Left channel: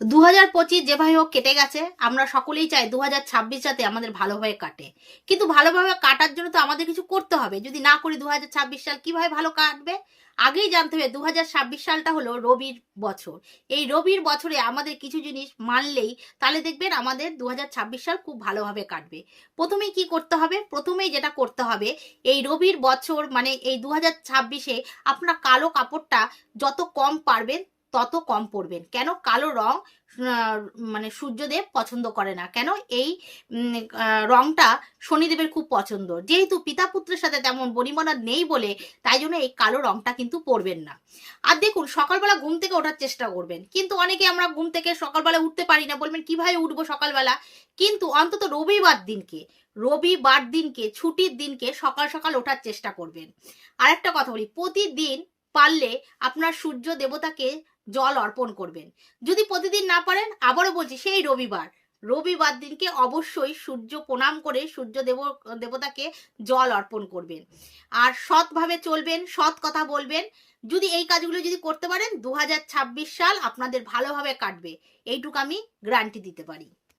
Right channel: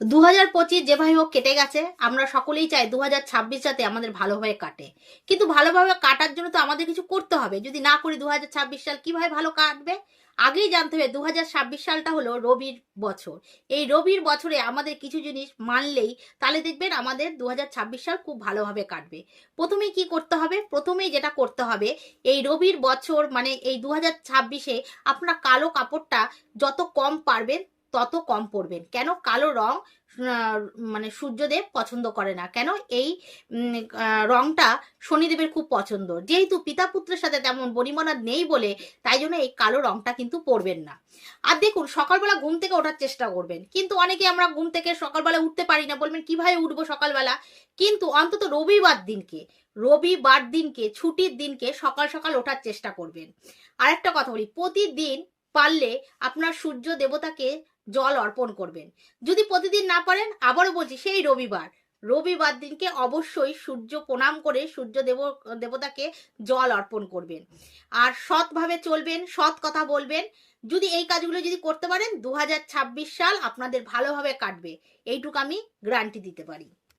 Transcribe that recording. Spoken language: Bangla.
2025 যেভাবে হোক কেটে গেছে। আমরা সকলেই চাই 2026 যাতে আমাদের ভালোভাবে কাটে, কিন্তু ভালোভাবে কাটার জন্য তো আমাদের কিছু করতে হবে। যদি না করি 2026 সাল কিভাবে ভালো কাটবে? আগেই জানতে হবে 2026 সালটা হলো রবির বছর। এই রবির বছরে আমাদের কিছু জিনিস মানলেই তাহলে দেখবেন আমাদের 2026 সাল খুব ভালোভাবে কাটবে। প্রথমেই কি করতে হবে? প্রথমেই যেটা করতে হবে, এই রবির বছর মানে এই 2026-এ আপনারা কালো কাপড়টা যত কম পারবেন তত কম পরবেন। কেন? কালো রং মানে সূর্যদেব পছন্দ করে না। কেন? এই রংটা শনিদেবের খুব পছন্দ। যেহেতু পিতা পুত্রের সাথে তেমন বনিবনা নেই বলে তাই জন্য এই কালো রংটা কিন্তু পরবেন না। আর দেখুন, সকালবেলা ঘুম থেকে ওঠার চেষ্টা করবেন। কিন্তু অনেকে আমরা ঘুম থেকে সকালবেলা উঠতে পারি না, বলবেন কিভাবে উঠবো সকালবেলা? কিন্তু অন্তত রবিবার দিনকে ছুটির দিনকে সকাল সকাল ওঠার চেষ্টা করবেন। আর একটা কথা বলি, প্রতিদিন পারলে আপনার সূর্য দেবতাকে জল অর্পণ করবেন। যদি প্রতিদিন না পারেন, আবারও বলছি, সেই রবিবার দিনকে অবশ্যই সূর্য প্রণাম করে দেবতাকে জল অর্পণ করবেন। আর সৎভাবে চলবেন, সৎ কথা বলবেন। যদি এই কাজগুলো যদি করতে পারেন, 2026 সাল আপনাদের ভালোভাবে কাটবে, এইটুকু আমি গ্যারান্টি দিতে পারি।